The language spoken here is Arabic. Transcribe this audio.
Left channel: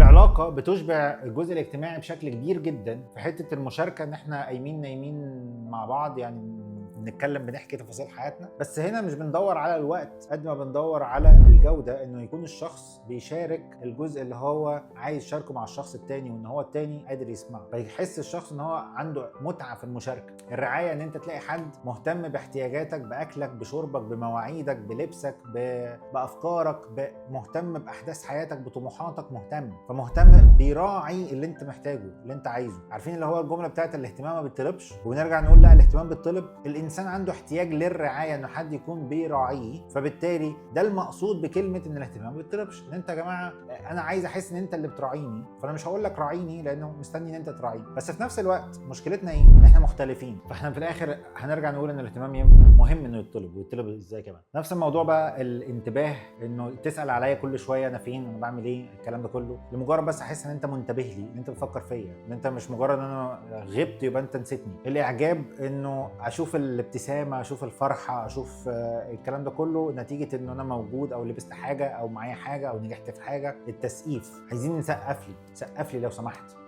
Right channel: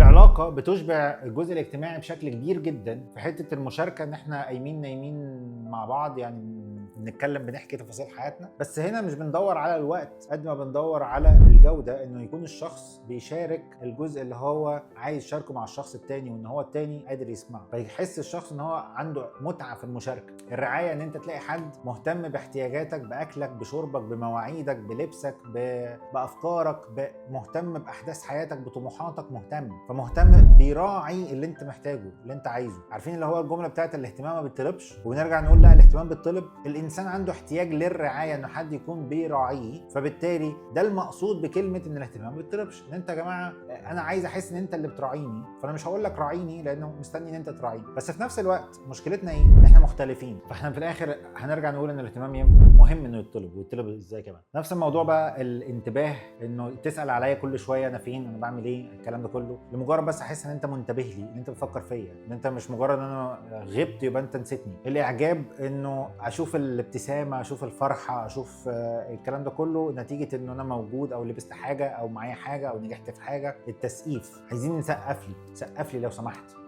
العلاقه بتشبع الجزء الاجتماعي بشكل كبير جدا في حته المشاركه، ان احنا قايمين نايمين مع بعض، يعني بنتكلم بنحكي تفاصيل حياتنا. بس هنا مش بندور على الوقت قد ما بندور على الجوده، انه يكون الشخص بيشارك الجزء اللي هو عايز يشاركه مع الشخص التاني، وان هو التاني قادر يسمعه، فيحس الشخص ان هو عنده متعه في المشاركه. الرعايه ان انت تلاقي حد مهتم باحتياجاتك، باكلك، بشربك، بمواعيدك، بلبسك، بافكارك، مهتم باحداث حياتك، بطموحاتك، فمهتم بيراعي اللي انت محتاجه، اللي انت عايزه. عارفين اللي هو الجمله بتاعت الاهتمام ما بيطلبش، ونرجع نقول لا، الاهتمام بيطلب. الانسان عنده احتياج للرعايه، انه حد يكون بيراعيه، فبالتالي ده المقصود بكلمه ان الاهتمام ما بيطلبش. ان انت يا جماعه انا عايز احس ان انت اللي بتراعيني، فانا مش هقول لك راعيني لانه مستني ان انت تراعيني. بس في نفس الوقت مشكلتنا ايه؟ ان احنا مختلفين، فاحنا في الاخر هنرجع نقول ان الاهتمام مهم انه يطلب، ويطلب ازاي كمان. نفس الموضوع بقى الانتباه، انه تسال عليا كل شويه انا فين، انا بعمل ايه، الكلام ده كله لمجرد بس احس ان انت منتبه لي، ان انت بتفكر فيا، ان انت مش مجرد ان انا غبت يبقى انت نسيتني. الاعجاب انه اشوف الابتسامه، اشوف الفرحه، اشوف الكلام ده كله نتيجه انه انا موجود، او لبست حاجه، او معايا حاجه، او نجحت في حاجه. التسقيف، عايزين نسقف لي، سقف لي لو سمحت.